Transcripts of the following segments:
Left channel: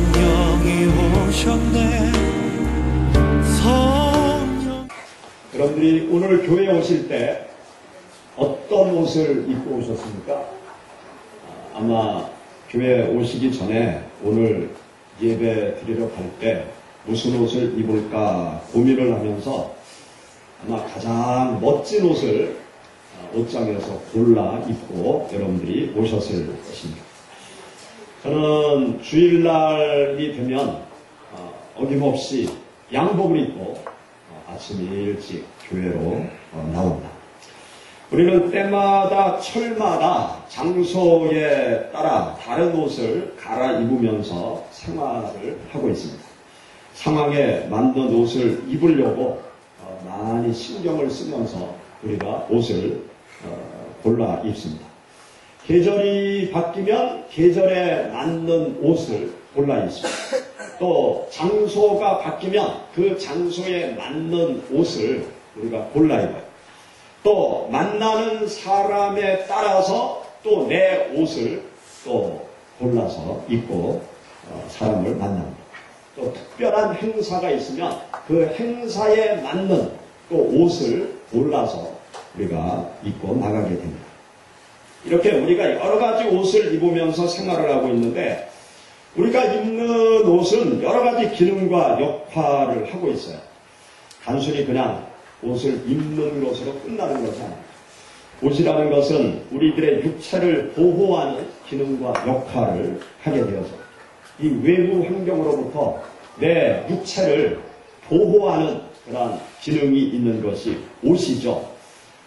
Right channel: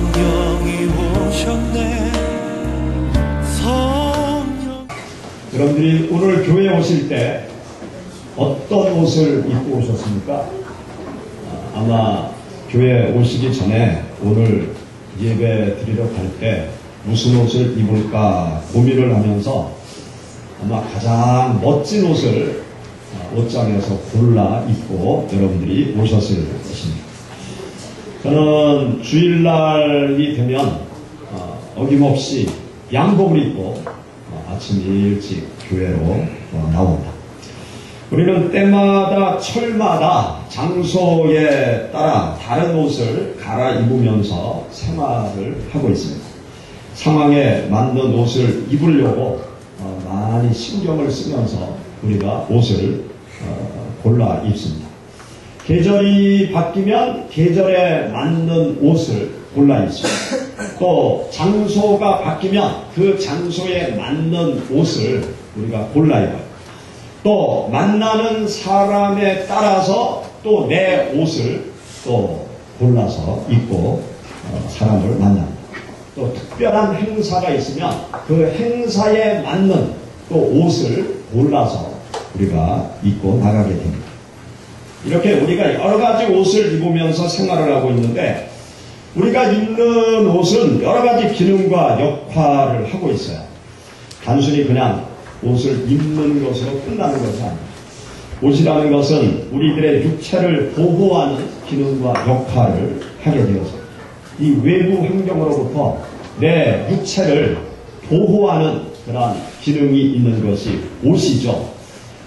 성령이 오셨네. 성령. 여러분들이 오늘 교회에 오실 때 어떤 옷을 입고 오셨습니까? 아마 교회에 오시기 전에 오늘 예배 드리러 갈 때 무슨 옷을 입을까 고민을 하면서 아마 가장 멋진 옷을 옷장에서 골라 입고 여러분들이 오셨을 것입니다. 저는 주일날이 되면 어김없이 양복을 입고 아침 일찍 교회로 나옵니다. 우리는 때마다 철마다 장소에 따라 다른 옷을 갈아입으면서 생활을 하고 있습니다. 상황에 맞는 옷을 입으려고 많이 신경을 쓰면서 우리가 옷을 골라 입습니다. 계절이 바뀌면 계절에 맞는 옷을 골라 입습니다. 또 장소가 바뀌면 그 장소에 맞는 옷을 우리가 골라 입어요. 또 만나는 사람에 따라서 또 내 옷을 또 골라서 입고 사람을 만납니다. 또 특별한 행사가 있으면 그 행사에 맞는 또 옷을 골라서 우리가 입고 나가게 됩니다. 이렇게 우리가 여러 가지 옷을 입으면서 생활을 하고 있는데 우리가 입는 옷은 여러 가지 기능과 역할을 하고 있어요. 단순히 그냥 옷을 입는 것으로 끝나는 것이 아닙니다. 옷이라는 것은 우리들의 육체를 보호하는 기능과 역할을 하게 되어서 이 외부 환경으로부터 내 육체를 보호하는 그러한 기능이 있는 것이 옷이죠.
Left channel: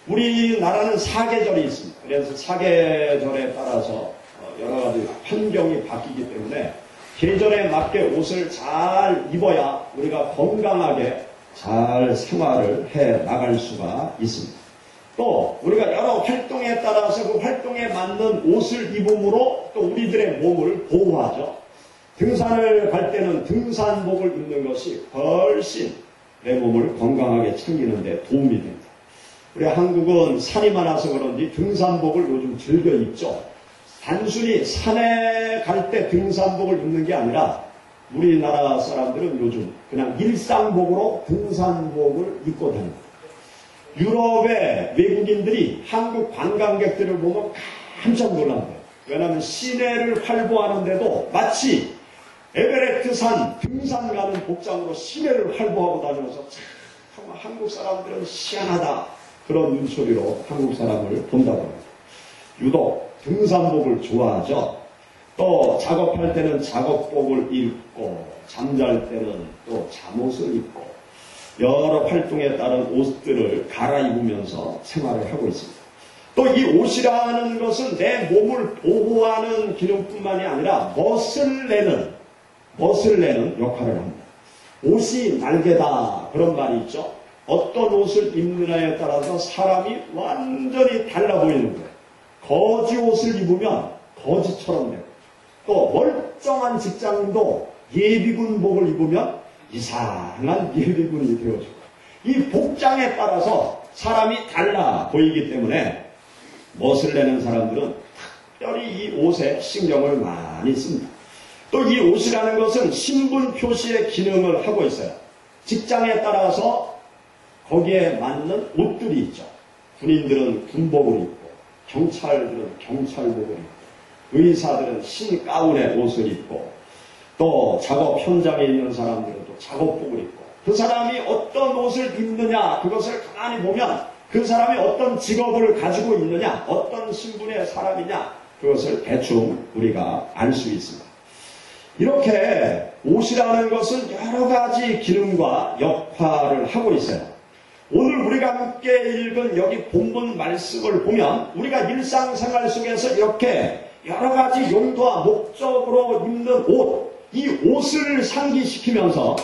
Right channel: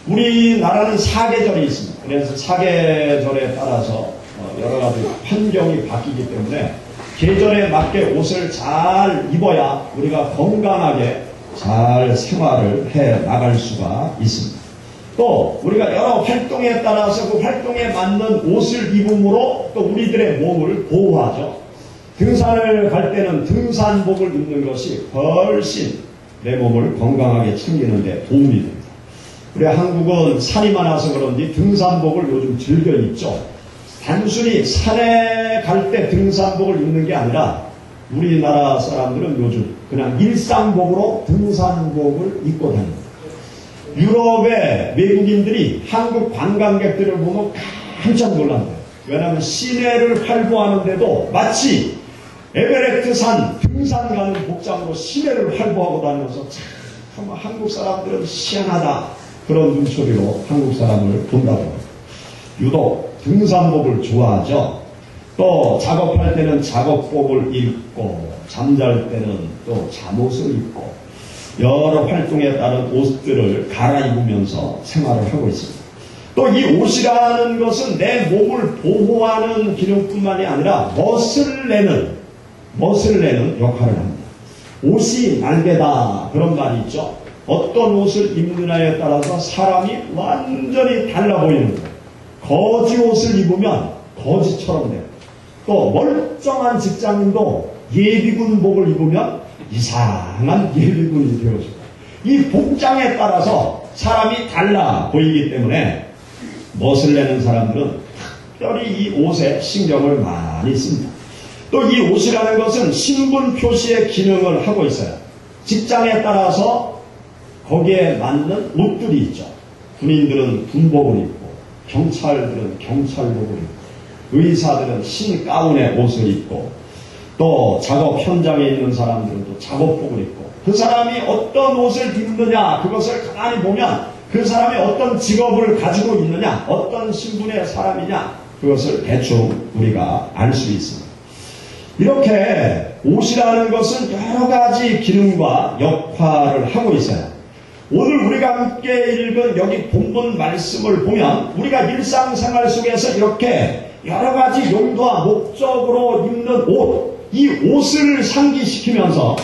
우리나라는 사계절이 있습니다. 그래서 사계절에 따라서 여러 가지 환경이 바뀌기 때문에 계절에 맞게 옷을 잘 입어야 우리가 건강하게 잘 생활을 해 나갈 수가 있습니다. 또 우리가 여러 활동에 따라서 그 활동에 맞는 옷을 입음으로 또 우리들의 몸을 보호하죠. 등산을 갈 때는 등산복을 입는 것이 훨씬 내 몸을 건강하게 챙기는 데 도움이 됩니다. 우리 한국은 산이 많아서 그런지 등산복을 요즘 즐겨 입죠. 단순히 산에 갈 때 등산복을 입는 게 아니라 우리나라 사람들은 요즘 그냥 일상복으로 등산복을 입고 다닙니다. 유럽의 외국인들이 한국 관광객들을 보면 깜짝 놀랍니다. 왜냐하면 시내를 활보하는데도 마치 에베레스트산 등산 가는 복장으로 시내를 활보하고 다니면서 참 한국 사람들은 희한하다 그런 눈초리로 한국 사람을 본다고 합니다. 유독 등산복을 좋아하죠. 또 작업할 때는 작업복을 입고 잠잘 때는 또 잠옷을 입고 여러 활동에 따른 옷들을 갈아입으면서 생활을 하고 있습니다. 또 이 옷이라는 것은 내 몸을 보호하는 기능뿐만이 아니라 멋을 내는 역할을 합니다. 옷이 날개다 그런 말이 있죠. 어떤 옷을 입느냐에 따라서 사람이 완전히 달라 보이는 거예요. 거지 옷을 입으면 거지처럼 돼요. 또 멀쩡한 직장인도 예비군복을 입으면 이상한 예비군이 되어지고 이 복장에 따라서 사람이 달라 보이기 때문에 멋을 내는 사람들은 특별히 이 옷에 신경을 많이 씁니다. 또 이 옷이라는 것은 신분 표시의 기능을 하고 있어요. 직장에 따라서 거기에 맞는 옷들이 있죠. 군인들은 군복을 입고 경찰들은 경찰복을 입고 의사들은 흰 가운의 옷을 입고 또 작업 현장에 있는 사람들은 또 작업복을 입고 그 사람이 어떤 옷을 입느냐 그것을 가만히 보면 그 사람이 어떤 직업을 가지고 있느냐 어떤 신분의 사람이냐 그것을 대충 우리가 알 수 있습니다. 이렇게 옷이라는 것은 여러 가지 기능과 역할을 하고 있어요. 오늘 우리가 함께 읽은 여기 본문 말씀을 보면 우리가 일상생활 속에서 이렇게 여러 가지 용도와 목적으로 입는 옷, 이 옷을 상기시키면서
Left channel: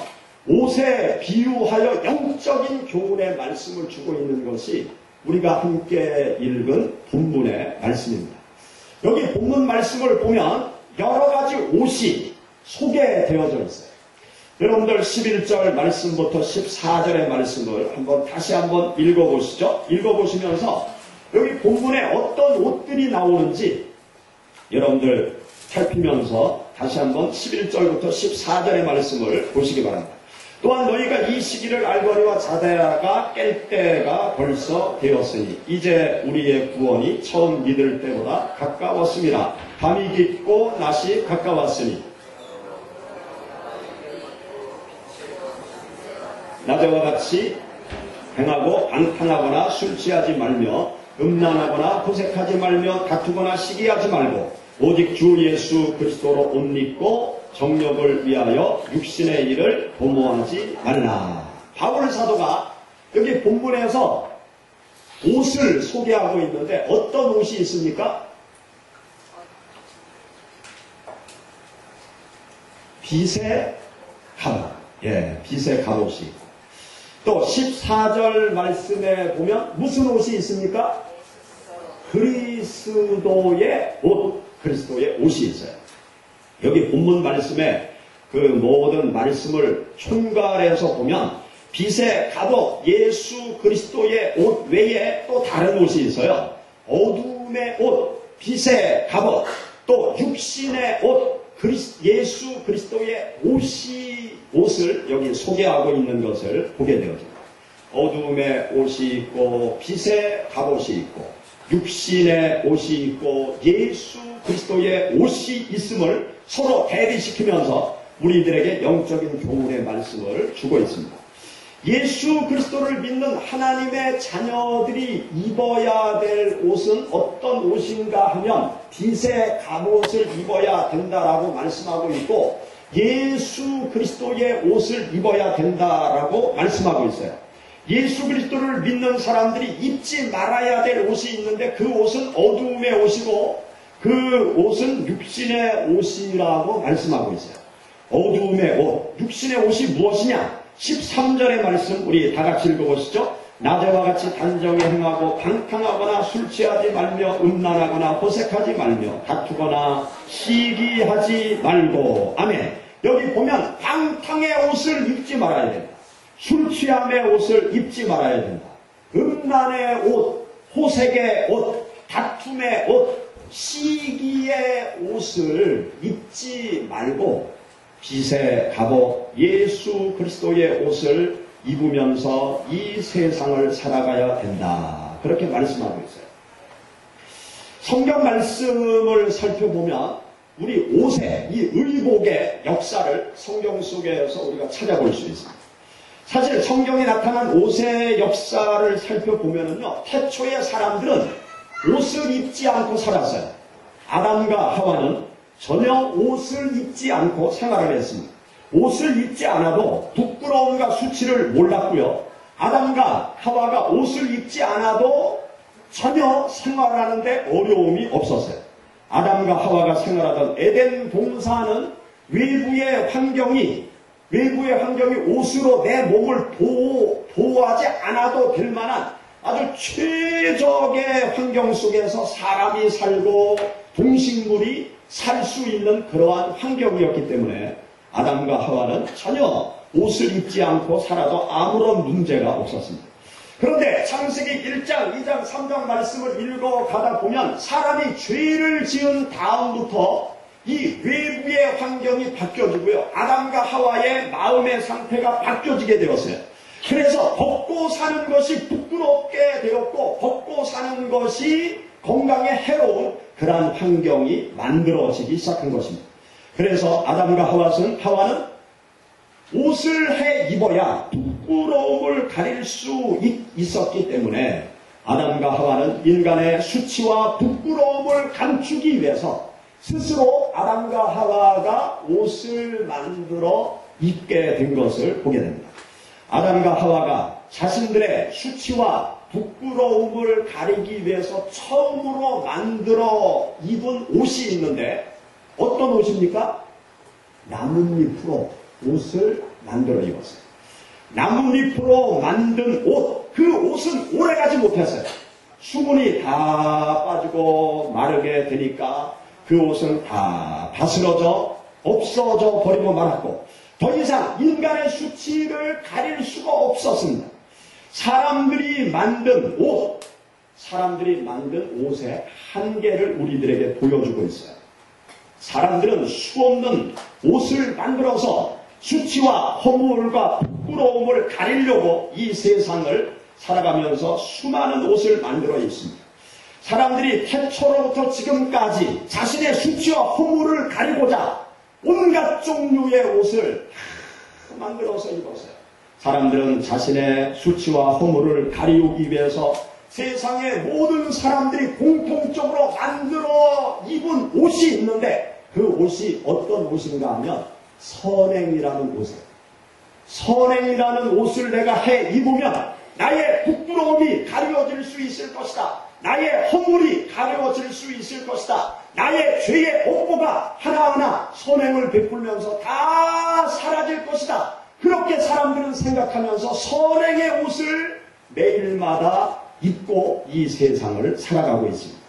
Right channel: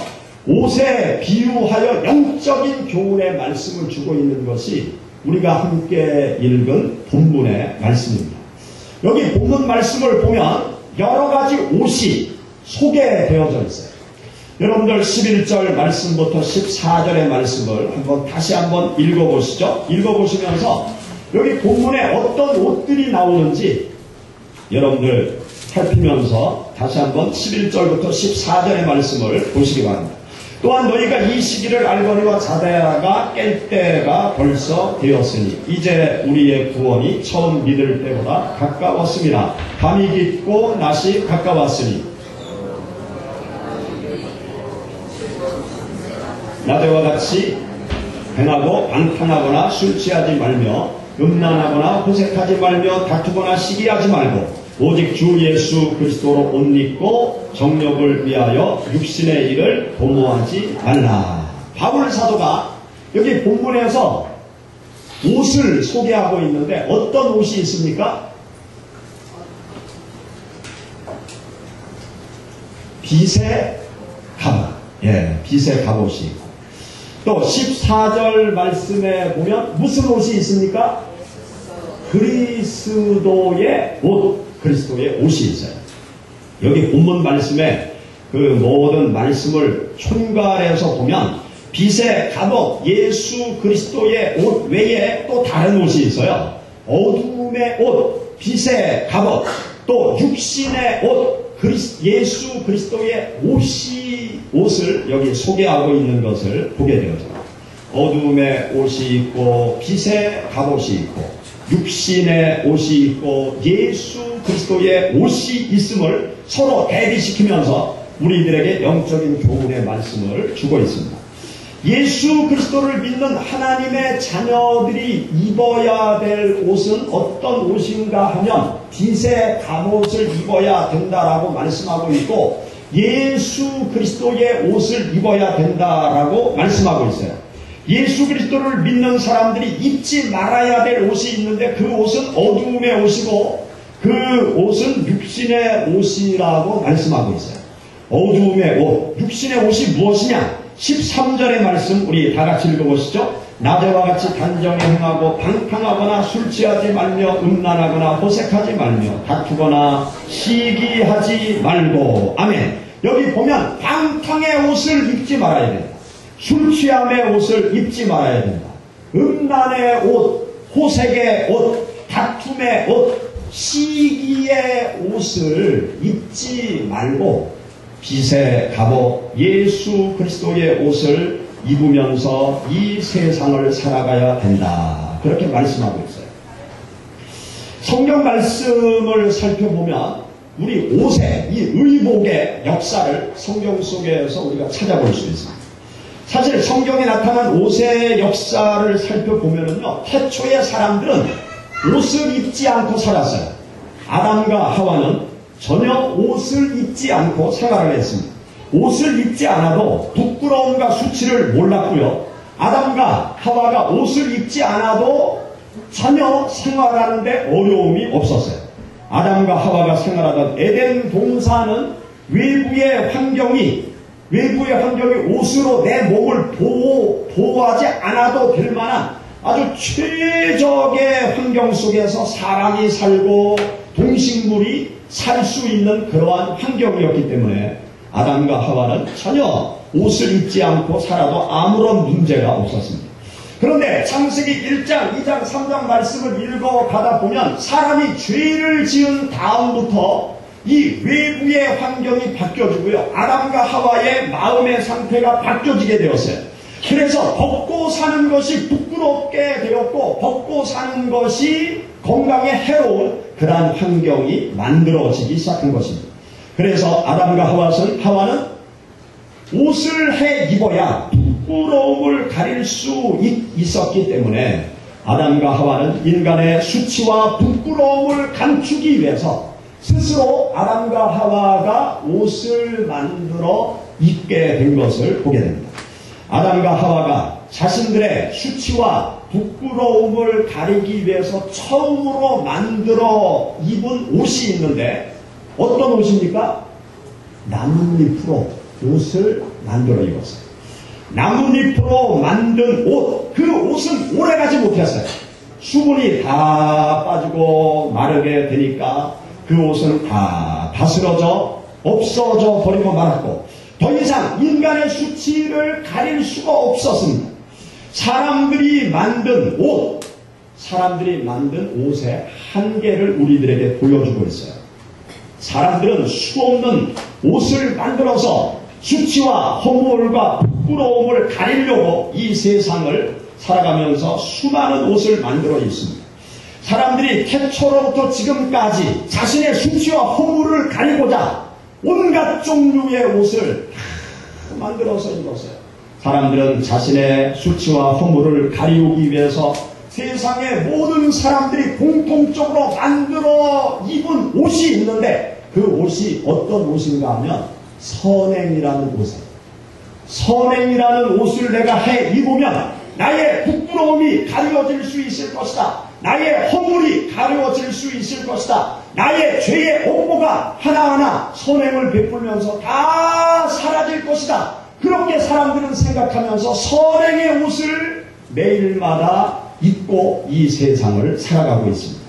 옷에 비유하여 영적인 교훈의 말씀을 주고 있는 것이 우리가 함께 읽은 본문의 말씀입니다. 여기 본문 말씀을 보면 여러 가지 옷이 소개되어져 있어요. 여러분들 11절 말씀부터 14절의 말씀을 다시 한번 읽어보시죠. 읽어보시면서 여기 본문에 어떤 옷들이 나오는지 여러분들 살피면서 다시 한번 11절부터 14절의 말씀을 보시기 바랍니다. 또한 너희가 이 시기를 알거니와 자다가 깰 때가 벌써 되었으니 이제 우리의 구원이 처음 믿을 때보다 가까웠습니다. 밤이 깊고 낮이 가까웠으니 낮에와 같이 행하고 방탕하거나 술 취하지 말며 음란하거나 호색하지 말며 다투거나 시기하지 말고 오직 주 예수 그리스도로 옷 입고 정욕을 위하여 육신의 일을 도모하지 말라. 바울 사도가 여기 본문에서 옷을 소개하고 있는데 어떤 옷이 있습니까? 빛의 갑옷. 빛의 갑옷이 있고 또 14절 말씀에 보면 무슨 옷이 있습니까? 그리스도의 옷. 그리스도의 옷이 있어요. 여기 본문 말씀에 그 모든 말씀을 총괄해서 보면 빛의 갑옷, 예수 그리스도의 옷 외에 또 다른 옷이 있어요. 어둠의 옷, 빛의 갑옷, 또 육신의 옷, 예수 그리스도의 옷을 여기 소개하고 있는 것을 보게 되었습니다. 어둠의 옷이 있고 빛의 갑옷이 있고 육신의 옷이 있고 예수 그리스도의 옷이 있음을 서로 대비시키면서 우리들에게 영적인 교훈의 말씀을 주고 있습니다. 예수 그리스도를 믿는 하나님의 자녀들이 입어야 될 옷은 어떤 옷인가 하면 빛의 갑옷을 입어야 된다라고 말씀하고 있고 예수 그리스도의 옷을 입어야 된다라고 말씀하고 있어요. 예수 그리스도를 믿는 사람들이 입지 말아야 될 옷이 있는데 그 옷은 어두움의 옷이고 그 옷은 육신의 옷이라고 말씀하고 있어요. 어두움의 옷, 육신의 옷이 무엇이냐? 13절의 말씀 우리 다 같이 읽어보시죠. 낮에와 같이 단정히 행하고 방탕하거나 술 취하지 말며 음란하거나 호색하지 말며 다투거나 시기하지 말고. 아멘. 여기 보면 방탕의 옷을 입지 말아야 된다. 술 취함의 옷을 입지 말아야 된다. 음란의 옷, 호색의 옷, 다툼의 옷, 시기의 옷을 입지 말고 빛의 갑옷 예수 그리스도의 옷을 입으면서 이 세상을 살아가야 된다. 그렇게 말씀하고 있어요. 성경 말씀을 살펴보면 우리 옷의 이 의복의 역사를 성경 속에서 우리가 찾아볼 수 있습니다. 사실 성경에 나타난 옷의 역사를 살펴보면은요, 태초의 사람들은 옷을 입지 않고 살았어요. 아담과 하와는 전혀 옷을 입지 않고 생활을 했습니다. 옷을 입지 않아도 부끄러움과 수치를 몰랐고요. 아담과 하와가 옷을 입지 않아도 전혀 생활하는데 어려움이 없었어요. 아담과 하와가 생활하던 에덴 동산은 외부의 환경이 옷으로 내 몸을 보호하지 않아도 될 만한 아주 최적의 환경 속에서 사람이 살고 동식물이 살 수 있는 그러한 환경이었기 때문에 아담과 하와는 전혀 옷을 입지 않고 살아도 아무런 문제가 없었습니다. 그런데 창세기 1장, 2장, 3장 말씀을 읽어가다 보면 사람이 죄를 지은 다음부터 이 외부의 환경이 바뀌어지고요. 아담과 하와의 마음의 상태가 바뀌어지게 되었어요. 그래서 벗고 사는 것이 부끄럽게 되었고 벗고 사는 것이 건강에 해로운 그러한 환경이 만들어지기 시작한 것입니다. 그래서 아담과 하와는 옷을 해 입어야 부끄러움을 가릴 수 있었기 때문에 아담과 하와는 인간의 수치와 부끄러움을 감추기 위해서 스스로 아담과 하와가 옷을 만들어 입게 된 것을 보게 됩니다. 아담과 하와가 자신들의 수치와 부끄러움을 가리기 위해서 처음으로 만들어 입은 옷이 있는데 어떤 옷입니까? 나뭇잎으로 옷을 만들어 입었어요. 나뭇잎으로 만든 옷, 그 옷은 오래가지 못했어요. 수분이 다 빠지고 마르게 되니까 그 옷은 다 바스러져 없어져 버리고 말았고 더 이상 인간의 수치를 가릴 수가 없었습니다. 사람들이 만든 옷의 한계를 우리들에게 보여주고 있어요. 사람들은 수없는 옷을 만들어서 수치와 허물과 부끄러움을 가리려고 이 세상을 살아가면서 수많은 옷을 만들어 있습니다. 사람들이 태초로부터 지금까지 자신의 수치와 허물을 가리고자 온갖 종류의 옷을 다 만들어서 입었어요. 사람들은 자신의 수치와 허물을 가리우기 위해서 세상의 모든 사람들이 공통적으로 만들어 입은 옷이 있는데 그 옷이 어떤 옷인가 하면 선행이라는 옷이에요. 선행이라는 옷을 내가 해 입으면 나의 부끄러움이 가려질 수 있을 것이다. 나의 허물이 가려질 수 있을 것이다. 나의 죄의 업보가 하나하나 선행을 베풀면서 다 사라질 것이다. 그렇게 사람들은 생각하면서 선행의 옷을 매일마다 입고 이 세상을 살아가고 있습니다.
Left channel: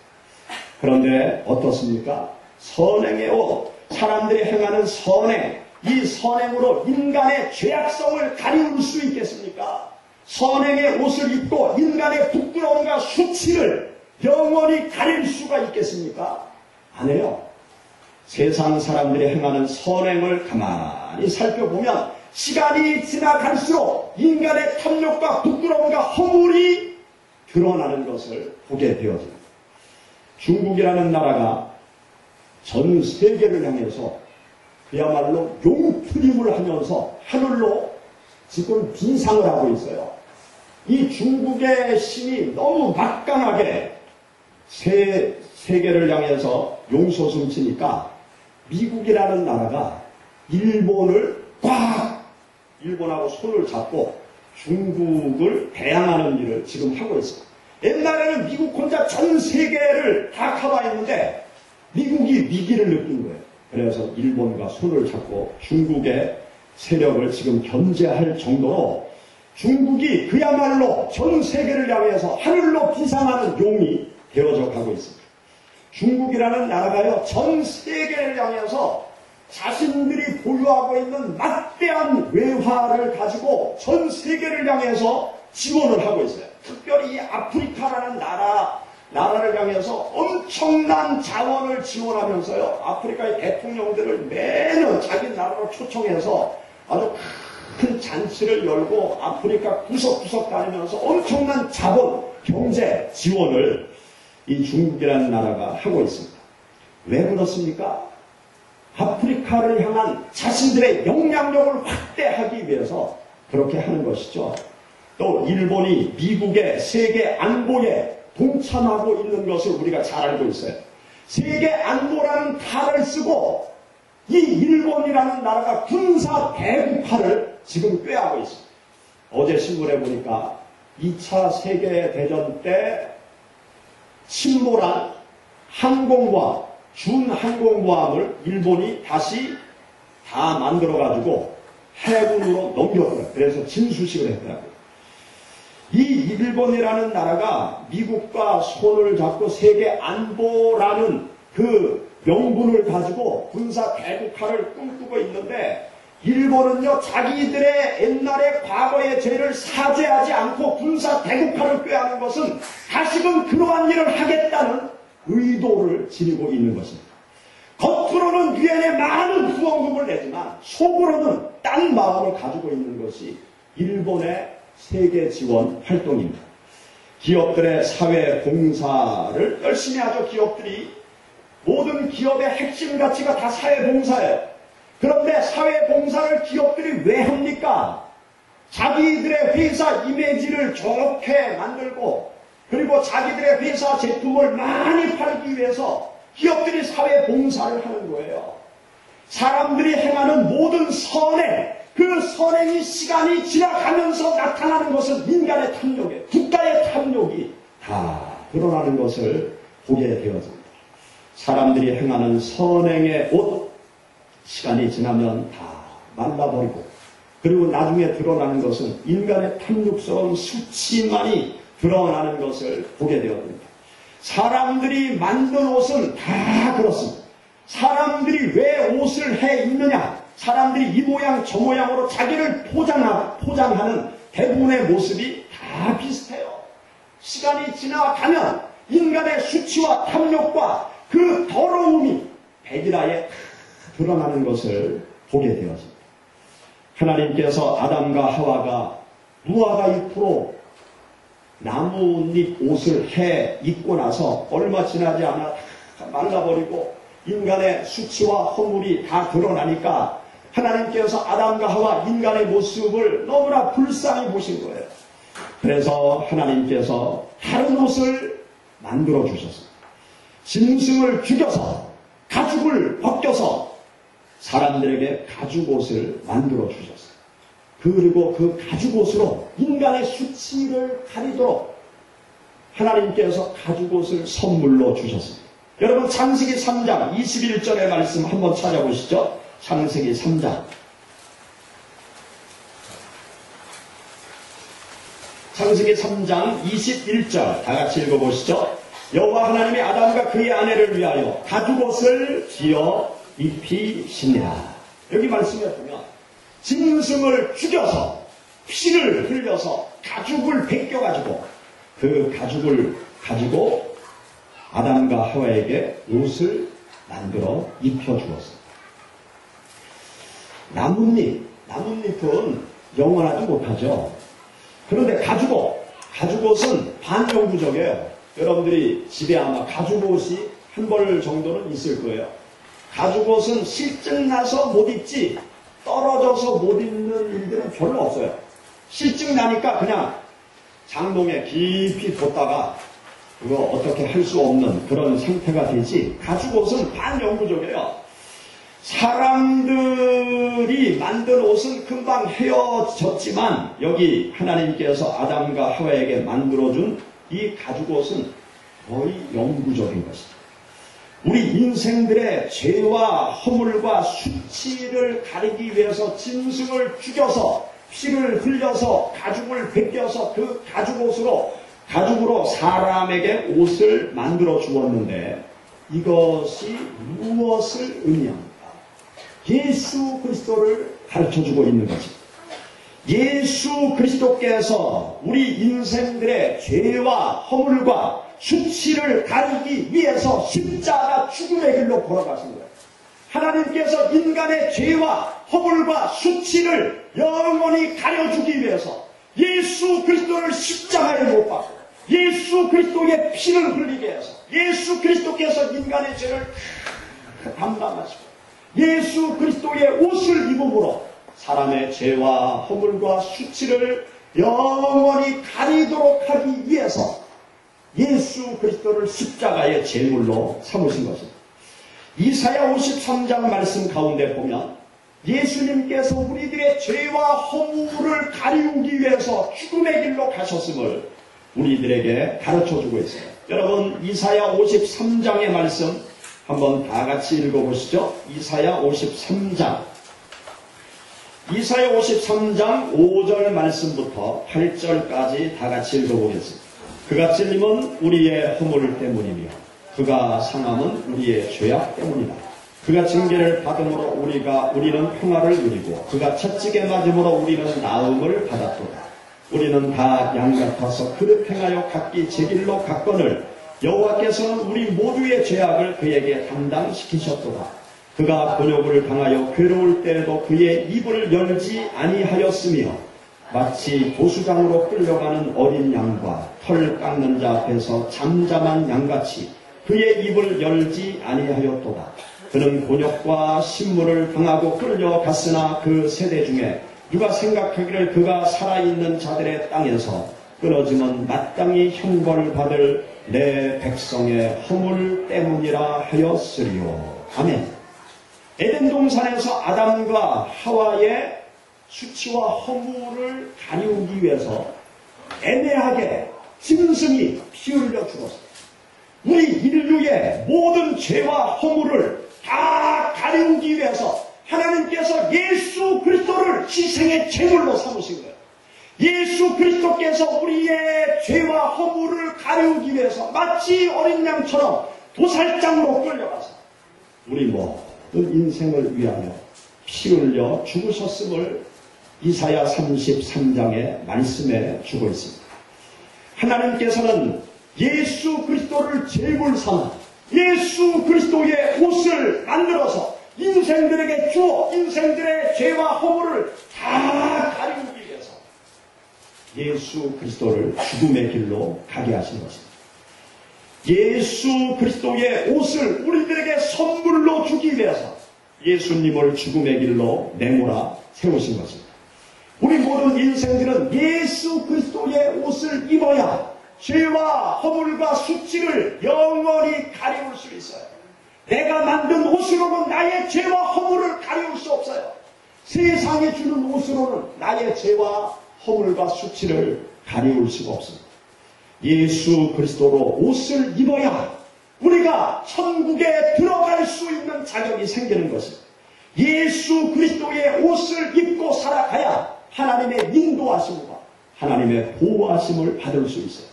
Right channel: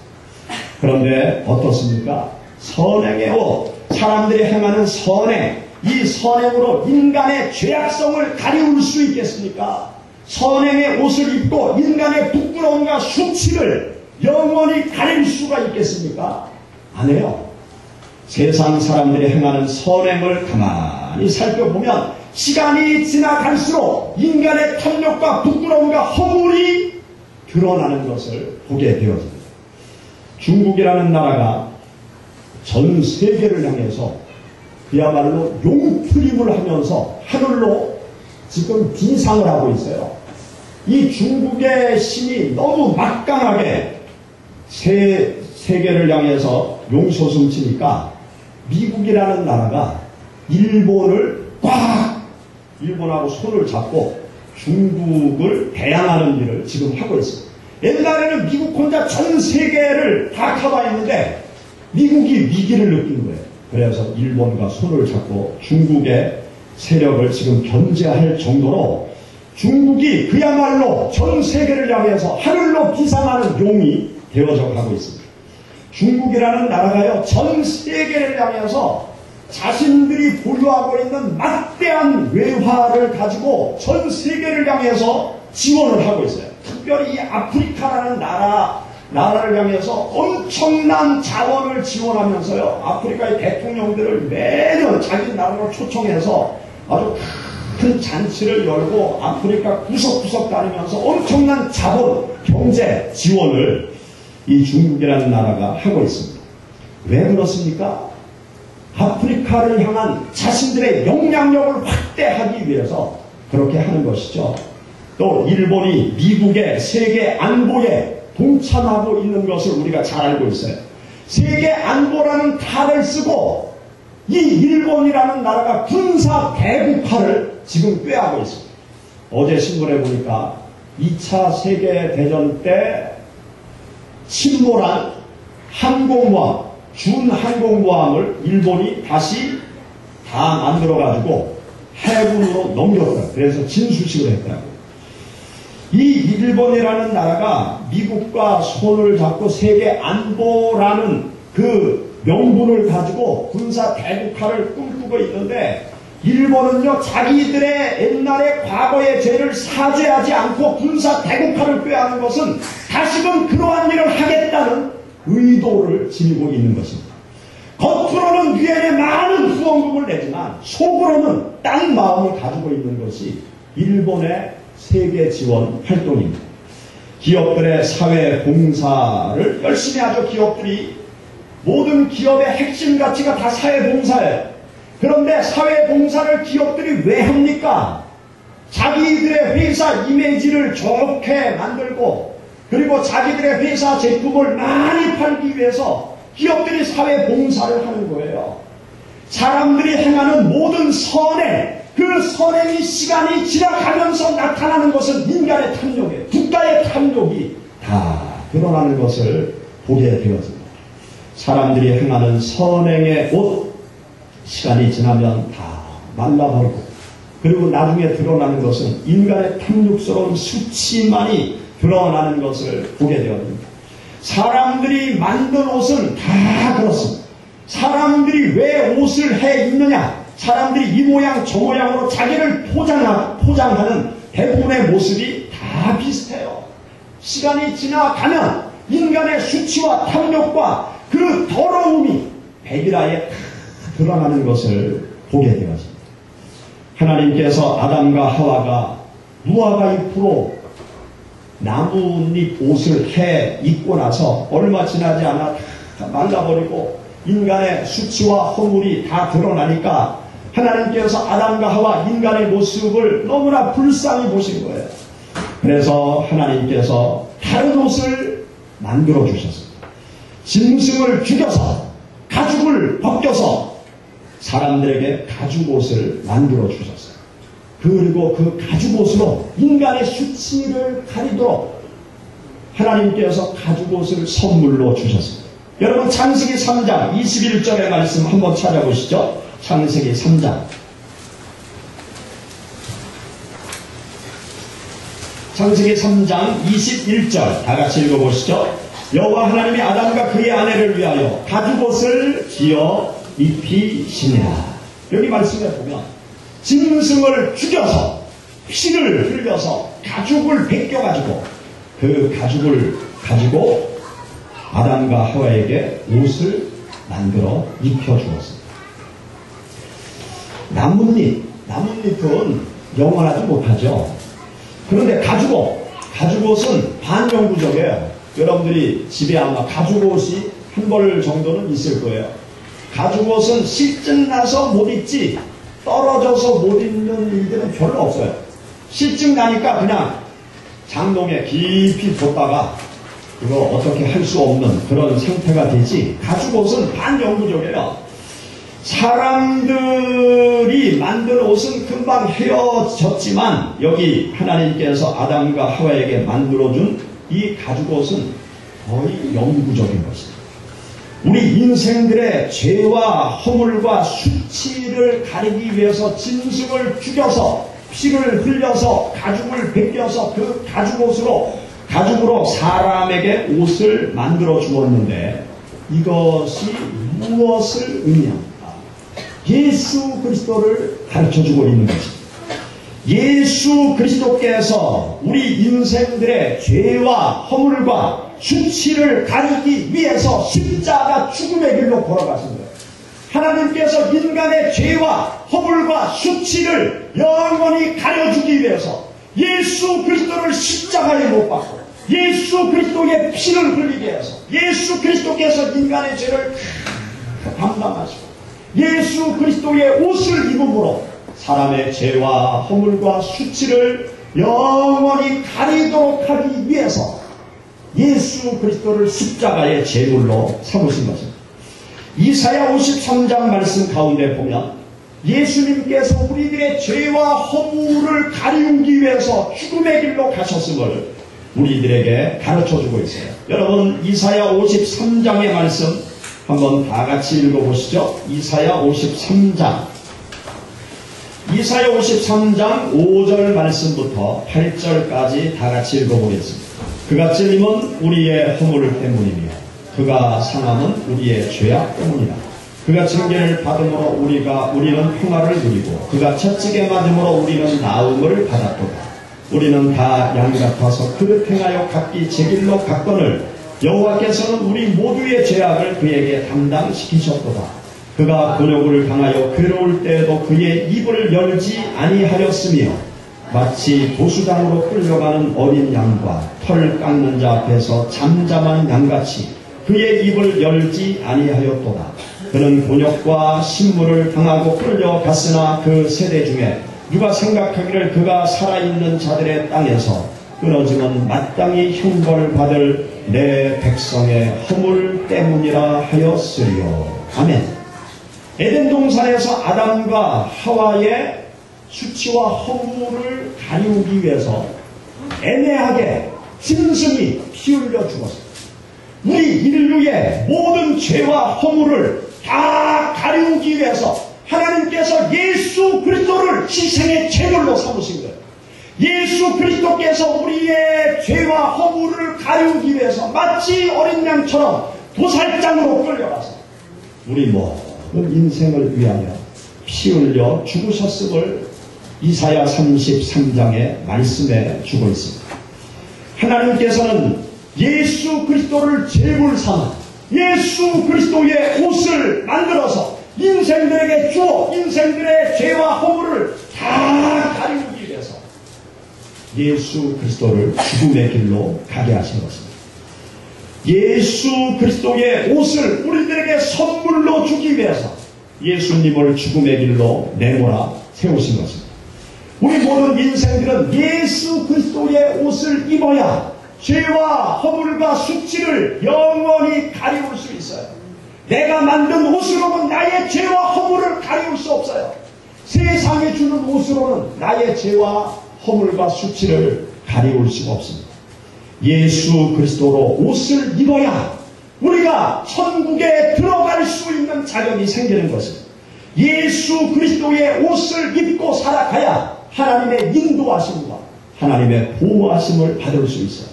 그런데 어떻습니까? 선행의 옷, 사람들이 행하는 선행, 이 선행으로 인간의 죄악성을 가리울 수 있겠습니까? 선행의 옷을 입고 인간의 부끄러움과 수치를 영원히 가릴 수가 있겠습니까? 안 해요. 세상 사람들이 행하는 선행을 가만히 살펴보면 시간이 지나갈수록 인간의 탐욕과 부끄러움과 허물이 드러나는 것을 보게 되어집니다. 중국이라는 나라가 전 세계를 향해서 그야말로 용트림을 하면서 하늘로 지금 비상을 하고 있어요. 이 중국의 힘이 너무 막강하게 세계를 향해서 용솟음치니까 미국이라는 나라가 일본하고 손을 잡고 중국을 대항하는 일을 지금 하고 있습니다. 옛날에는 미국 혼자 전 세계를 다 커버했는데 미국이 위기를 느낀 거예요. 그래서 일본과 손을 잡고 중국의 세력을 지금 견제할 정도로 중국이 그야말로 전 세계를 향해서 하늘로 비상하는 용이 되어져 가고 있습니다. 중국이라는 나라가요, 전 세계를 향해서 자신들이 보유하고 있는 막대한 외화를 가지고 전 세계를 향해서 지원을 하고 있어요. 특별히 이 아프리카라는 나라를 향해서 엄청난 자원을 지원하면서요, 아프리카의 대통령들을 매년 자기 나라로 초청해서 아주 큰 잔치를 열고 아프리카 구석구석 다니면서 엄청난 자본, 경제 지원을 이 중국이라는 나라가 하고 있습니다. 왜 그렇습니까? 아프리카를 향한 자신들의 영향력을 확대하기 위해서 그렇게 하는 것이죠. 또 일본이 미국의 세계 안보에 동참하고 있는 것을 우리가 잘 알고 있어요. 세계 안보라는 탈을 쓰고 이 일본이라는 나라가 군사 대국화를 지금 꾀하고 있습니다. 어제 신문에 보니까 2차 세계대전 때 침몰한 항공모함, 준항공모함을 일본이 다시 다 만들어가지고 해군으로 넘겼더라고요. 그래서 진수식을 했더라고요. 이 일본이라는 나라가 미국과 손을 잡고 세계 안보라는 그 명분을 가지고 군사 대국화를 꿈꾸고 있는데, 일본은요, 자기들의 옛날의 과거의 죄를 사죄하지 않고 군사 대국화를 꾀하는 것은 다시금 그러한 일을 하겠다는 의도를 지니고 있는 것입니다. 겉으로는 유엔에 많은 후원금을 내지만 속으로는 딴 마음을 가지고 있는 것이 일본의 세계 지원 활동입니다. 기업들의 사회 봉사를 열심히 하죠. 기업들이, 모든 기업의 핵심 가치가 다 사회 봉사예요. 그런데 사회 봉사를 기업들이 왜 합니까? 자기들의 회사 이미지를 좋게 만들고, 그리고 자기들의 회사 제품을 많이 팔기 위해서 기업들이 사회 봉사를 하는 거예요. 사람들이 행하는 모든 선행, 그 선행이 시간이 지나가면서 나타나는 것은 인간의 탐욕이에요. 국가의 탐욕이 다 드러나는 것을 보게 되어집니다. 사람들이 행하는 선행의 옷, 시간이 지나면 다 말라버리고, 그리고 나중에 드러나는 것은 인간의 탐욕스러운 수치만이 드러나는 것을 보게 되었습니다. 사람들이 만든 옷은 다 그렇습니다. 사람들이 왜 옷을 해 입느냐? 사람들이 이 모양 저 모양으로 자기를 포장하는 대부분의 모습이 다 비슷해요. 시간이 지나가면 인간의 수치와 탐욕과 그 더러움이 백일하에 드러나는 것을 보게 되었습니다. 하나님께서 아담과 하와가 무화과 잎으로 나뭇잎 옷을 해 입고 나서 얼마 지나지 않아 다 말라버리고 인간의 수치와 허물이 다 드러나니까 하나님께서 아담과 하와 인간의 모습을 너무나 불쌍히 보신 거예요. 그래서 하나님께서 다른 옷을 만들어 주셨습니다. 짐승을 죽여서 가죽을 벗겨서 사람들에게 가죽옷을 만들어 주셨어요. 그리고 그 가죽옷으로 인간의 수치를 가리도록 하나님께서 가죽옷을 선물로 주셨습니다. 여러분 창세기 3장 21절의 말씀 한번 찾아보시죠. 창세기 3장. 창세기 3장 21절 다 같이 읽어보시죠. 여호와 하나님이 아담과 그의 아내를 위하여 가죽옷을 지어 입히시니라. 여기 말씀에 보면 짐승을 죽여서 피를 흘려서 가죽을 벗겨가지고 그 가죽을 가지고 아담과 하와에게 옷을 만들어 입혀주었습니다. 나뭇잎은 영원하지 못하죠. 그런데 가죽옷은 반영구적이에요. 여러분들이 집에 아마 가죽옷이 한 벌 정도는 있을 거예요. 가죽옷은 실증 나서 못 입지 떨어져서 못 입는 일들은 별로 없어요. 실증 나니까 그냥 장롱에 깊이 뒀다가 그거 어떻게 할 수 없는 그런 상태가 되지, 가죽옷은 반영구적이에요. 사람들이 만든 옷은 금방 헤어졌지만 여기 하나님께서 아담과 하와에게 만들어준 이 가죽옷은 거의 영구적인 것입니다. 우리 인생들의 죄와 허물과 수치를 가리기 위해서 짐승을 죽여서 피를 흘려서 가죽을 벗겨서 그 가죽으로 사람에게 옷을 만들어 주었는데 이것이 무엇을 의미합니까? 예수 그리스도를 가르쳐주고 있는 것입니다. 예수 그리스도께서 우리 인생들의 죄와 허물과 수치를 가리기 위해서 십자가 죽음의 길로 걸어가신 거예요. 하나님께서 인간의 죄와 허물과 수치를 영원히 가려주기 위해서 예수 그리스도를 십자가에 못 박고 예수 그리스도의 피를 흘리게 해서 예수 그리스도께서 인간의 죄를 담당하시고 예수 그리스도의 옷을 입음으로 사람의 죄와 허물과 수치를 영원히 가리도록 하기 위해서 예수 그리스도를 십자가의 제물로 삼으신 것입니다. 이사야 53장 말씀 가운데 보면 예수님께서 우리들의 죄와 허물을 가리우기 위해서 죽음의 길로 가셨음을 우리들에게 가르쳐주고 있어요. 여러분 이사야 53장의 말씀 한번 다 같이 읽어보시죠. 이사야 53장 5절 말씀부터 8절까지 다 같이 읽어보겠습니다. 그가 찔림은 우리의 허물 때문이며 그가 상함은 우리의 죄악 때문이다. 그가 징계를 받음으로 우리는 평화를 누리고 그가 채찍에 맞음으로 우리는 나음을 받았도다. 우리는 다 양 같아서 그릇 행하여 각기 제 길로 갔거늘 여호와께서는 우리 모두의 죄악을 그에게 담당시키셨도다. 그가 곤욕을 당하여 괴로울 때에도 그의 입을 열지 아니하였으며 마치 도수장으로 끌려가는 어린 양과 털 깎는 자 앞에서 잠잠한 양같이 그의 입을 열지 아니하였도다. 그는 곤욕과 신물을 당하고 끌려갔으나 그 세대 중에 누가 생각하기를 그가 살아있는 자들의 땅에서 끊어지면 마땅히 형벌을 받을 내 백성의 허물 때문이라 하였으리요. 아멘. 에덴 동산에서 아담과 하와의 수치와 허물을 가리우기 위해서 애매하게 짐승이 피 흘려 죽었습니다. 우리 인류의 모든 죄와 허물을 다 가리우기 위해서 하나님께서 예수 그리스도를 희생의 제물로 삼으신 거예요. 예수 그리스도께서 우리의 죄와 허물을 가리우기 위해서 마치 어린 양처럼 도살장으로 끌려가서 우리 모든 인생을 위하여 피 흘려 죽으셨음을 이사야 33장의 말씀에 주고 있습니다. 하나님께서는 예수 그리스도를 제물 삼아 예수 그리스도의 옷을 만들어서 인생들에게 주어 인생들의 죄와 허물을 다 가리우기 위해서 예수 그리스도를 죽음의 길로 가게 하신 것입니다. 예수 그리스도의 옷을 우리들에게 선물로 주기 위해서 예수님을 죽음의 길로 내몰아 세우신 것입니다. 우리 모든 인생들은 예수 그리스도의 옷을 입어야 죄와 허물과 수치를 영원히 가리울 수 있어요. 내가 만든 옷으로는 나의 죄와 허물을 가리울 수 없어요. 세상에 주는 옷으로는 나의 죄와 허물과 수치를 가리울 수가 없습니다. 예수 그리스도로 옷을 입어야 우리가 천국에 들어갈 수 있는 자격이 생기는 것입니다. 예수 그리스도의 옷을 입고 살아가야 하나님의 인도하심과 하나님의 보호하심을 받을 수 있어요.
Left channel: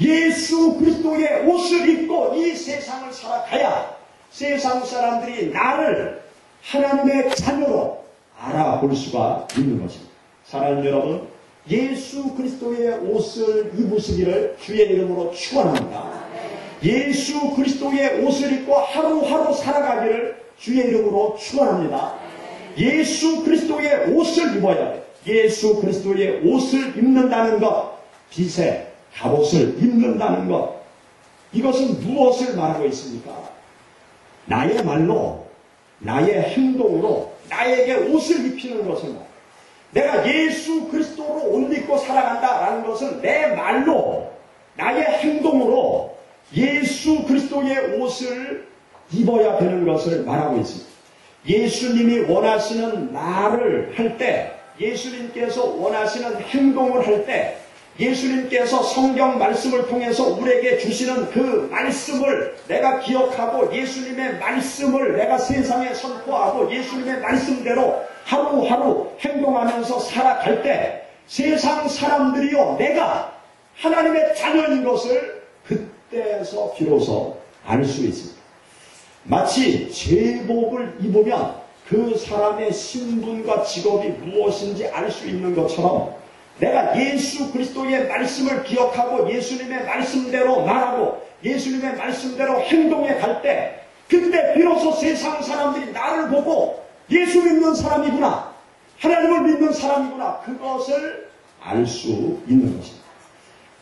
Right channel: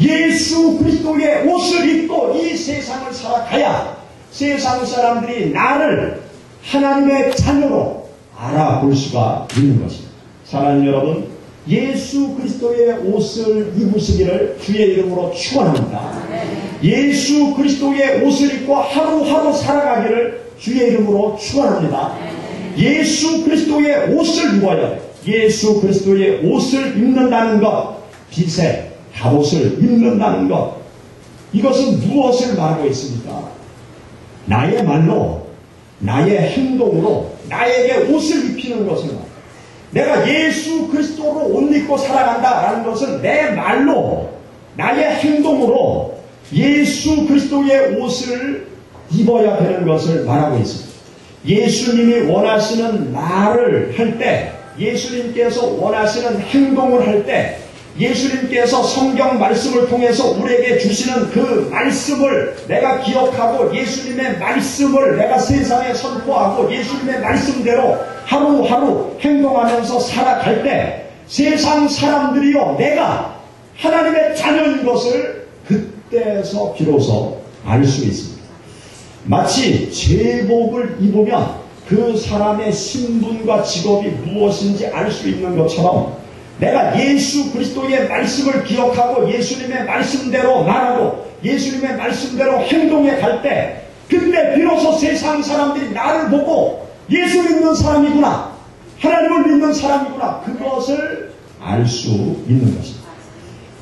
예수 그리스도의 옷을 입고 이 세상을 살아가야 세상 사람들이 나를 하나님의 자녀로 알아볼 수가 있는 것입니다. 사랑하는 여러분, 예수 그리스도의 옷을 입으시기를 주의 이름으로 축원합니다. 예수 그리스도의 옷을 입고 하루하루 살아가기를 주의 이름으로 축원합니다. 예수 그리스도의 옷을 입어야 해요. 예수 그리스도의 옷을 입는다는 것, 빛의 갑옷을 입는다는 것, 이것은 무엇을 말하고 있습니까? 나의 말로, 나의 행동으로 나에게 옷을 입히는 것을 말합니다. 내가 예수 그리스도로 옷 입고 살아간다라는 것은 내 말로, 나의 행동으로 예수 그리스도의 옷을 입어야 되는 것을 말하고 있습니다. 예수님이 원하시는 말을 할 때, 예수님께서 원하시는 행동을 할 때, 예수님께서 성경 말씀을 통해서 우리에게 주시는 그 말씀을 내가 기억하고 예수님의 말씀을 내가 세상에 선포하고 예수님의 말씀대로 하루하루 행동하면서 살아갈 때 세상 사람들이요, 내가 하나님의 자녀인 것을 그때서 비로소 알 수 있습니다. 마치 제복을 입으면 그 사람의 신분과 직업이 무엇인지 알 수 있는 것처럼 내가 예수 그리스도의 말씀을 기억하고 예수님의 말씀대로 말하고 예수님의 말씀대로 행동해 갈 때 그때 비로소 세상 사람들이 나를 보고 예수 믿는 사람이구나, 하나님을 믿는 사람이구나, 그것을 알 수 있는 것입니다.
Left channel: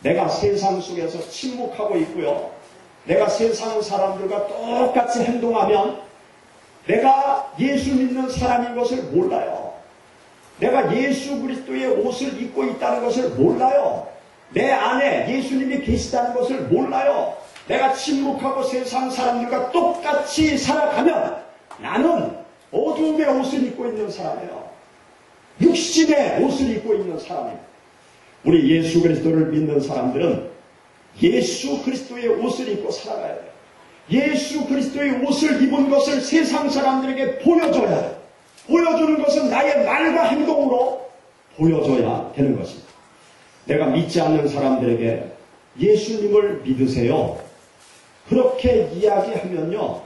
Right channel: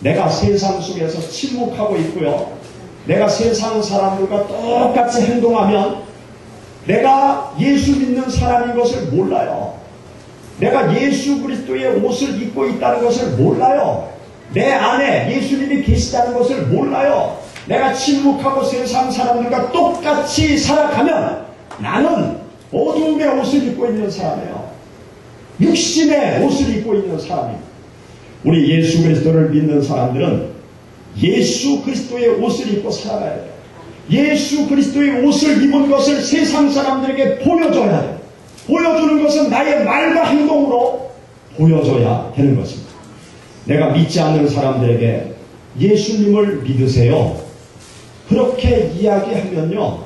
내가 세상 속에서 침묵하고 있고요, 내가 세상 사람들과 똑같이 행동하면 내가 예수 믿는 사람인 것을 몰라요. 내가 예수 그리스도의 옷을 입고 있다는 것을 몰라요. 내 안에 예수님이 계시다는 것을 몰라요. 내가 침묵하고 세상 사람들과 똑같이 살아가면 나는 어두움의 옷을 입고 있는 사람이에요. 육신의 옷을 입고 있는 사람입니다. 우리 예수 그리스도를 믿는 사람들은 예수 그리스도의 옷을 입고 살아가야 돼요. 예수 그리스도의 옷을 입은 것을 세상 사람들에게 보여줘야 돼요. 보여주는 것은 나의 말과 행동으로 보여줘야 되는 것입니다. 내가 믿지 않는 사람들에게 예수님을 믿으세요, 그렇게 이야기하면요,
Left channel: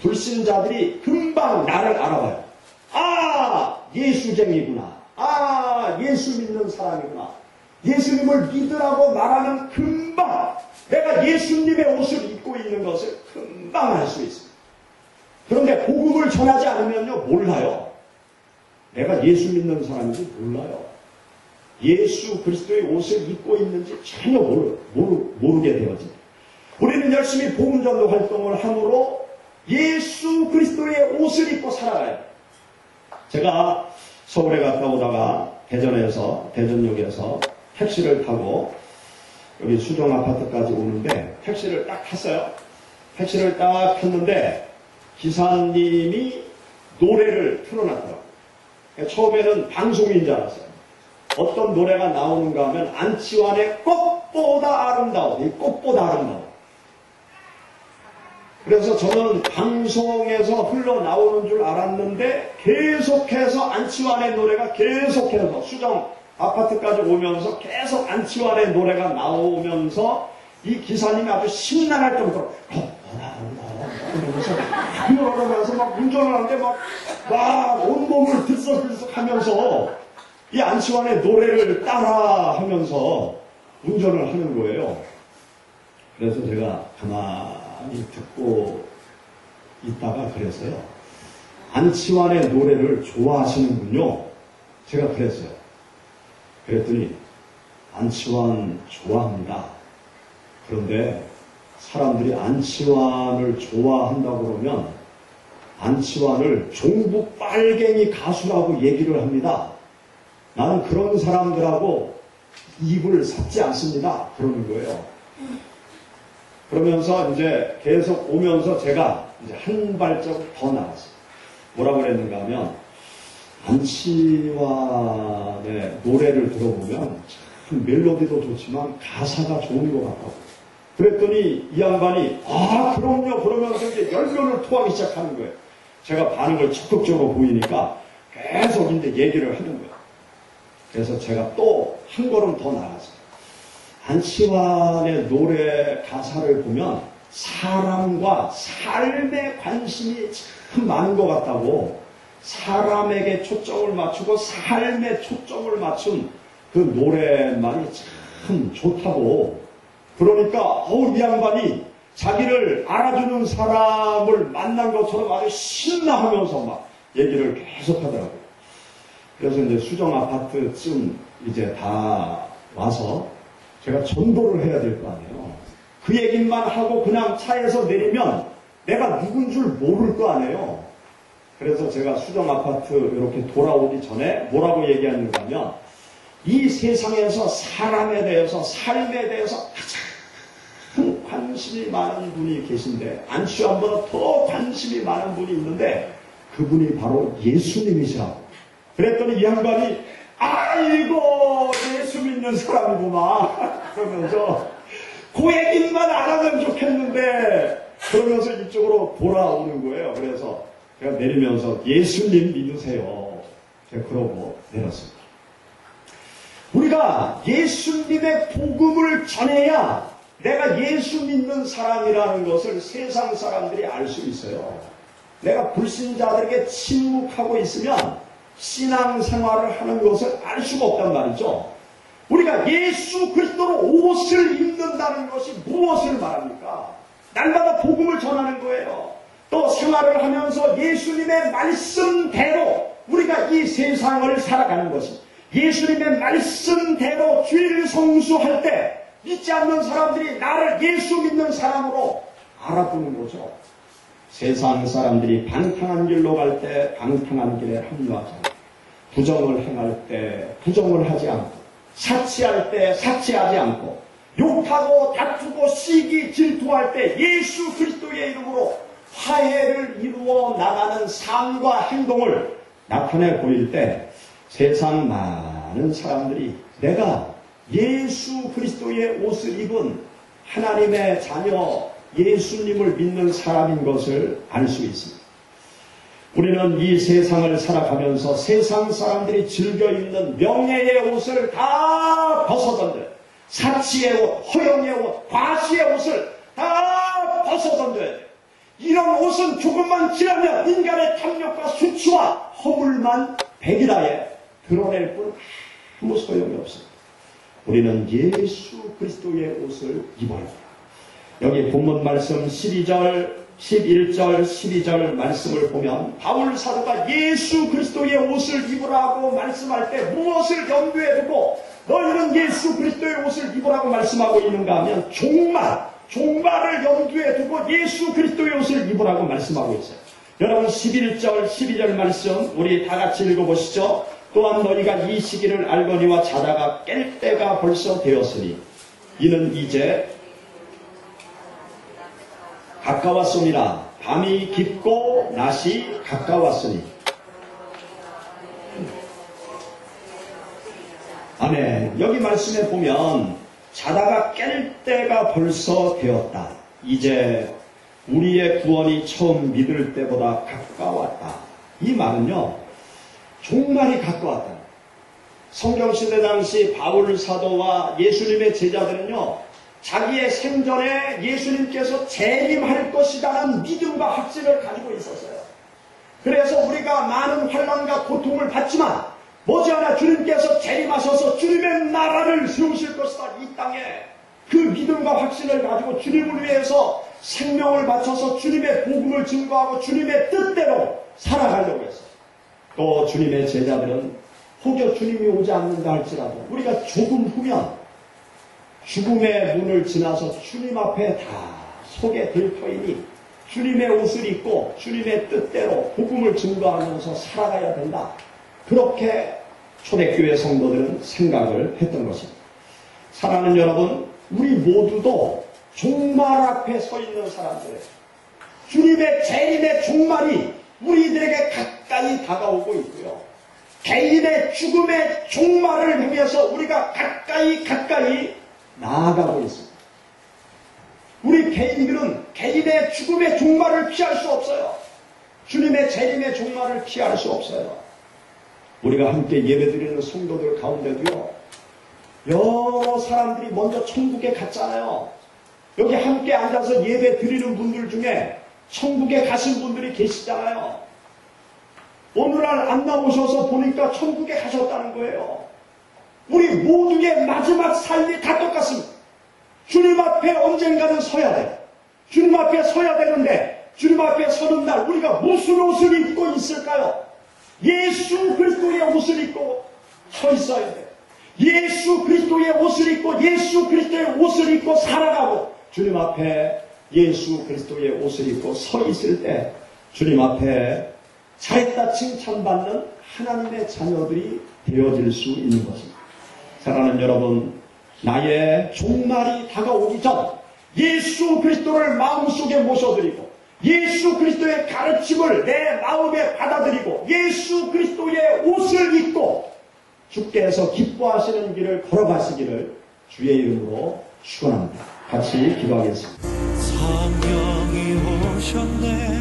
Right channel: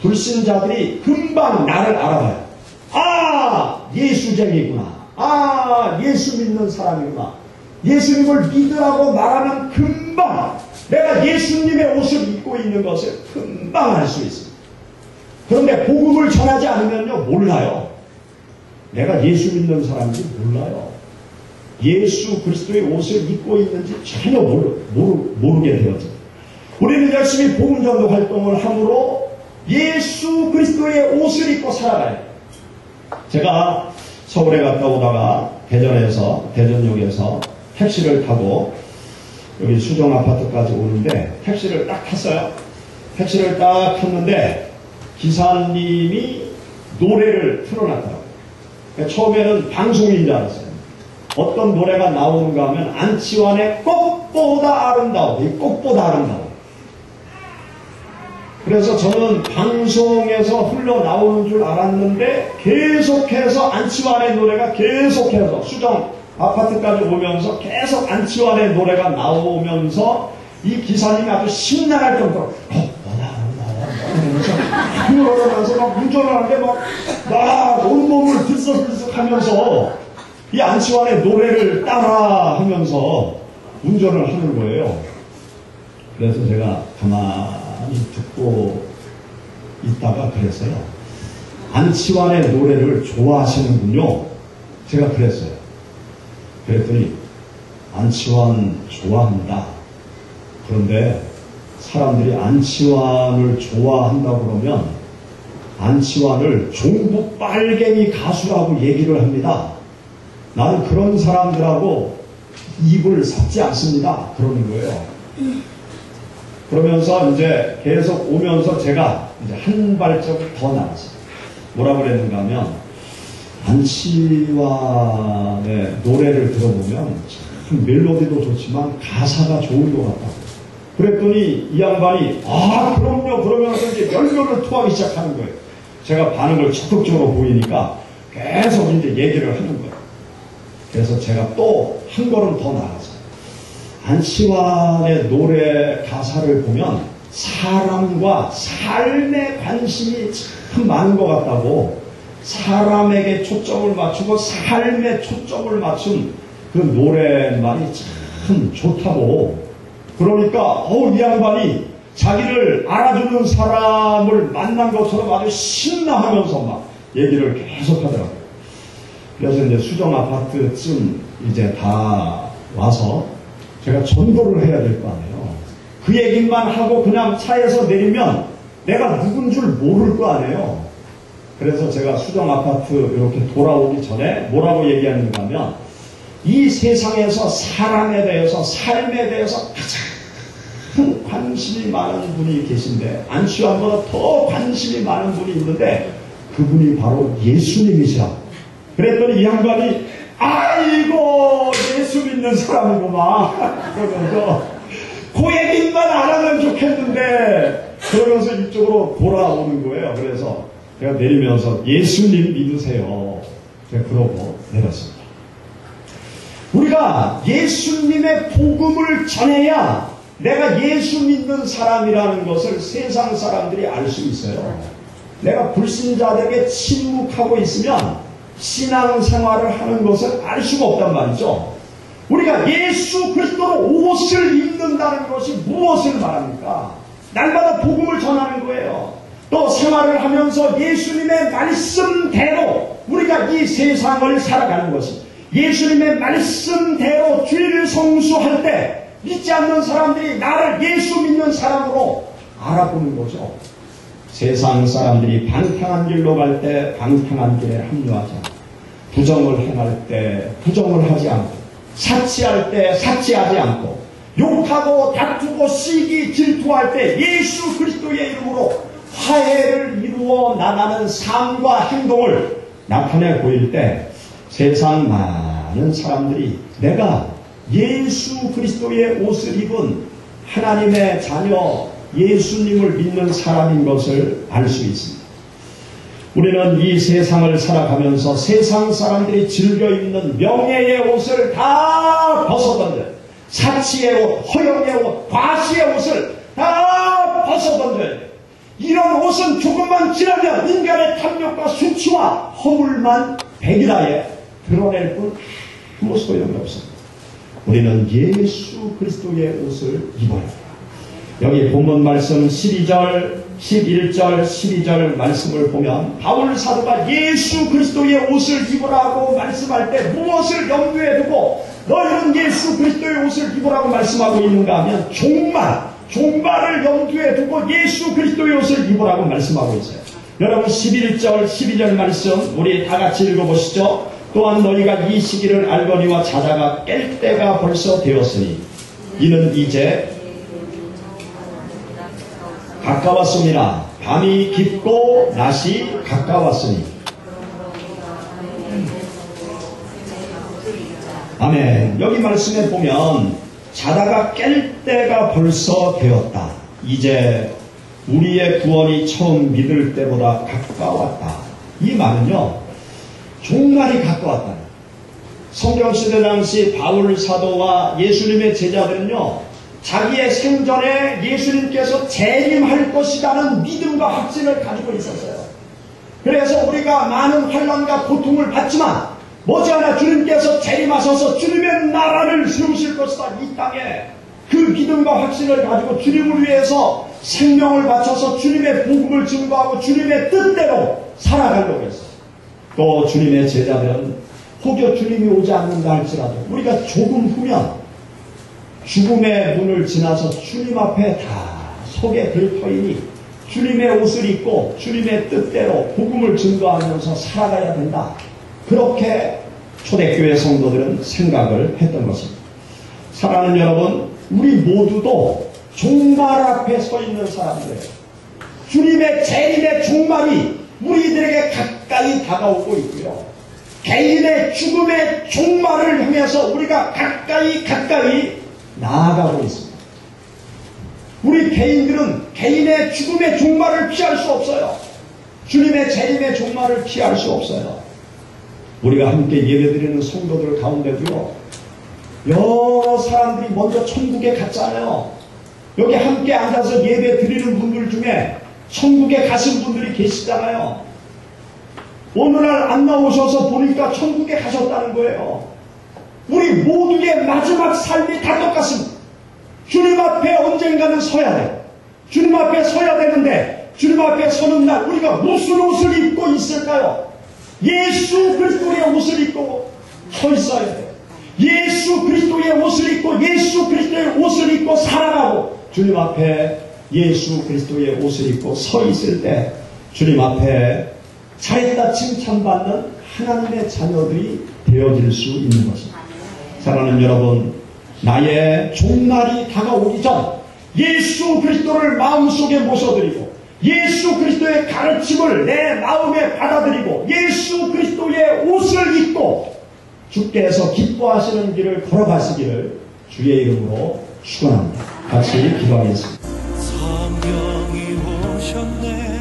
불신자들이 금방 나를 알아봐요. 아, 예수쟁이구나. 아, 예수 믿는 사람이구나. 예수님을 믿으라고 말하면 금방 내가 예수님의 옷을 입고 있는 것을 금방 알 수 있습니다. 그런데 복음을 전하지 않으면요, 몰라요. 내가 예수 믿는 사람인지 몰라요. 예수 그리스도의 옷을 입고 있는지 전혀 모르게 되어집니다. 우리는 열심히 복음 전도 활동을 함으로 예수 그리스도의 옷을 입고 살아가요. 제가 서울에 갔다 오다가 대전역에서 택시를 타고 여기 수정 아파트까지 오는데 택시를 딱 탔어요. 택시를 딱 탔는데 기사님이 노래를 틀어놨더라고요. 처음에는 방송인 줄 알았어요. 어떤 노래가 나오는가 하면 안치환의 꽃보다 아름다워. 이 꽃보다 아름다워. 그래서 저는 방송에서 흘러나오는 줄 알았는데 계속해서 안치환의 노래가 계속해서 수정 아파트까지 오면서 계속 안치환의 노래가 나오면서 이 기사님이 아주 심란할 정도로 그러면서 막 운전을 하는데 막 온몸을 들썩들썩 하면서 이 안치환의 노래를 따라 하면서 운전을 하는 거예요. 그래서 제가 가만히 가만히 듣고 있다가 그랬어요. 안치환의 노래를 좋아하시는군요. 제가 그랬어요. 그랬더니 안치환 좋아합니다. 그런데 사람들이 안치환을 좋아한다고 그러면 안치환을 종북 빨갱이 가수라고 얘기를 합니다. 나는 그런 사람들하고 입을 섞지 않습니다. 그러는 거예요. 그러면서 이제 계속 오면서 제가 이제 한 발짝 더 나갔어요. 뭐라고 그랬는가 하면 안치환의 노래를 들어보면 참 멜로디도 좋지만 가사가 좋은 것 같다고. 그랬더니 이 양반이 그럼요 그러면서 이제 열변을 토하기 시작하는 거예요. 제가 반응을 적극적으로 보이니까 계속 이제 얘기를 하는 거예요. 그래서 제가 또 한 걸음 더 나갔어요. 안치환의 노래 가사를 보면 사람과 삶에 관심이 참 많은 것 같다고, 사람에게 초점을 맞추고 삶에 초점을 맞춘 그 노래말이 참 좋다고. 그러니까 이 양반이 자기를 알아주는 사람을 만난 것처럼 아주 신나하면서 막 얘기를 계속 하더라고요. 그래서 이제 수정 아파트쯤 이제 다 와서 제가 전도를 해야 될 거 아니에요. 그 얘기만 하고 그냥 차에서 내리면 내가 누군 줄 모를 거 아니에요. 그래서 제가 수정 아파트 이렇게 돌아오기 전에 뭐라고 얘기하는가 하면, 이 세상에서 사람에 대해서, 삶에 대해서 가장 관심이 많은 분이 계신데, 안치환보다 더 관심이 많은 분이 있는데 그분이 바로 예수님이시라고. 그랬더니 이 양반이 아이고 예수 믿는 사람이구만 그러면서 그 얘기만 안 하면 좋겠는데 그러면서 이쪽으로 돌아오는 거예요. 그래서 제가 내리면서 예수님 믿으세요. 제가 그러고 내렸습니다. 우리가 예수님의 복음을 전해야 내가 예수 믿는 사람이라는 것을 세상 사람들이 알 수 있어요. 내가 불신자들에게 침묵하고 있으면 신앙생활을 하는 것을 알 수가 없단 말이죠. 우리가 예수 그리스도로 옷을 입는다는 것이 무엇을 말합니까? 날마다 복음을 전하는 거예요. 또 생활을 하면서 예수님의 말씀대로 우리가 이 세상을 살아가는 것이, 예수님의 말씀대로 주일을 성수할 때 믿지 않는 사람들이 나를 예수 믿는 사람으로 알아보는 거죠. 세상 사람들이 방탕한 길로 갈 때 방탕한 길에 합류하지 않고, 부정을 행할 때 부정을 하지 않고, 사치할 때 사치하지 않고, 욕하고 다투고 시기 질투할 때 예수 그리스도의 이름으로 화해를 이루어 나가는 삶과 행동을 나타내 보일 때 세상 많은 사람들이 내가 예수 그리스도의 옷을 입은 하나님의 자녀 예수님을 믿는 사람인 것을 알 수 있습니다. 우리는 이 세상을 살아가면서 세상 사람들이 즐겨 입는 명예의 옷을 다 벗어던져요. 사치의 옷, 허영의 옷, 과시의 옷을 다 벗어던져야 돼요. 이런 옷은 조금만 지나면 인간의 탐욕과 수치와 허물만 백일하에 드러낼 뿐 아무 소용이 없습니다. 우리는 예수 그리스도의 옷을 입어야 합니다. 여기 본문 말씀 12절, 11절, 12절 말씀을 보면 바울 사도가 예수 그리스도의 옷을 입으라고 말씀할 때 무엇을 염두에 두고 너희는 예수 그리스도의 옷을 입으라고 말씀하고 있는가 하면 종말을 염두에 두고 예수 그리스도의 옷을 입으라고 말씀하고 있어요. 여러분 11절, 12절 말씀 우리 다 같이 읽어보시죠. 또한 너희가 이 시기를 알거니와 자다가 깰 때가 벌써 되었으니 이는 이제 가까웠습니다. 밤이 깊고 낮이 가까웠으니. 아멘. 여기 말씀에 보면 자다가 깰 때가 벌써 되었다. 이제 우리의 구원이 처음 믿을 때보다 가까웠다. 이 말은요, 종말이 가까웠다. 성경시대 당시 바울 사도와 예수님의 제자들은요, 자기의 생전에 예수님께서 재림할 것이라는 믿음과 확신을 가지고 있었어요. 그래서 우리가 많은 환난과 고통을 받지만 머지않아 주님께서 재림하셔서 주님의 나라를 세우실 것이다. 이 땅에 그 믿음과 확신을 가지고 주님을 위해서 생명을 바쳐서 주님의 복음을 증거하고 주님의 뜻대로 살아가려고 했어요. 또 주님의 제자들은 혹여 주님이 오지 않는다 할지라도 우리가 조금 후면 죽음의 문을 지나서 주님 앞에 다 서게 될 터이니 주님의 옷을 입고 주님의 뜻대로 복음을 증거하면서 살아가야 된다. 그렇게 초대교회 성도들은 생각을 했던 것입니다. 사랑하는 여러분, 우리 모두도 종말 앞에 서 있는 사람들이에요. 주님의 재림의 종말이 우리들에게 가까이 다가오고 있고요. 개인의 죽음의 종말을 향해서 우리가 가까이 나아가고 있습니다. 우리 개인들은 개인의 죽음의 종말을 피할 수 없어요. 주님의 재림의 종말을 피할 수 없어요. 우리가 함께 예배드리는 성도들 가운데도요, 여러 사람들이 먼저 천국에 갔잖아요. 여기 함께 앉아서 예배 드리는 분들 중에 천국에 가신 분들이 계시잖아요. 오늘날 안 나오셔서 보니까 천국에 가셨다는 거예요. 우리 모두의 마지막 삶이 다 똑같습니다. 주님 앞에 언젠가는 서야 돼요. 주님 앞에 서야 되는데 주님 앞에 서는 날 우리가 무슨 옷을 입고 있을까요? 예수 그리스도의 옷을 입고 서 있어야 돼요. 예수 그리스도의 옷을 입고 예수 그리스도의 옷을 입고 살아가고 주님 앞에 예수 그리스도의 옷을 입고 서 있을 때 주님 앞에 잘했다 칭찬받는 하나님의 자녀들이 되어질 수 있는 것입니다. 사랑하는 여러분, 나의 종말이 다가오기 전 예수 그리스도를 마음속에 모셔드리고 예수 그리스도의 가르침을 내 마음에 받아들이고 예수 그리스도의 옷을 입고 주께서 기뻐하시는 길을 걸어가시기를 주의 이름으로 축원합니다. 같이 기도하겠습니다. 성령이 오셨네.